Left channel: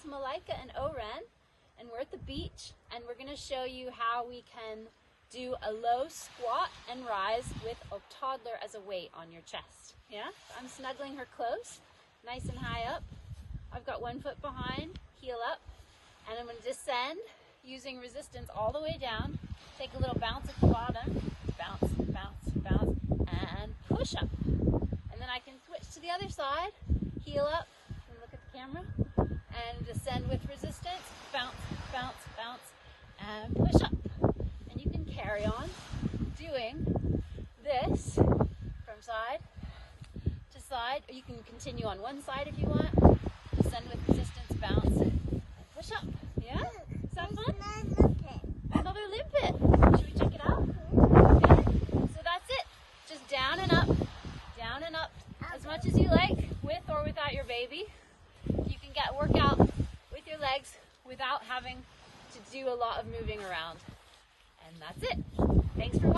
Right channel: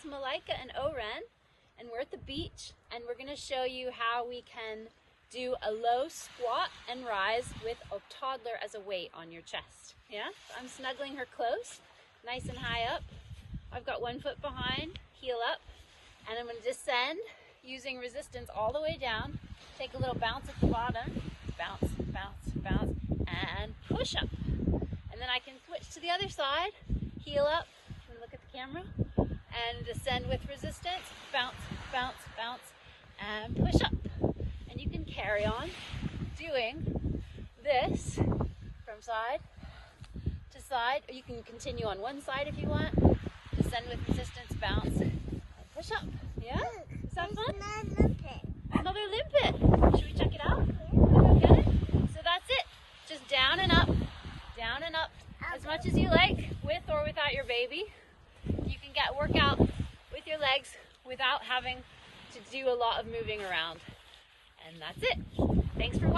is Malika and Oren, and we're at the beach, and we're going to show you how we can do a low squat and rise with a toddler as a weight on your chest. Yeah, so I'm snuggling her close, nice and high up. I've got 1 foot behind, heel up, and I'm going to descend using resistance all the way down. Take a little bounce at the bottom, bounce, bounce, bounce, and push up. And then I can switch to the other side, heel up, and look at the camera, and descend with resistance, bounce, bounce, bounce, and push up. And you can carry on doing this from side to side. Or you can continue on one side if you want. Descend with resistance, bounce, and push up. Yeah? Is that fun? Another limpet. Should we check it out? Okay. So that's it. Just down and up, as much as you like, with or without your baby. You can get workout with your legs without having to do a lot of moving around. And that's it. Thanks for watching.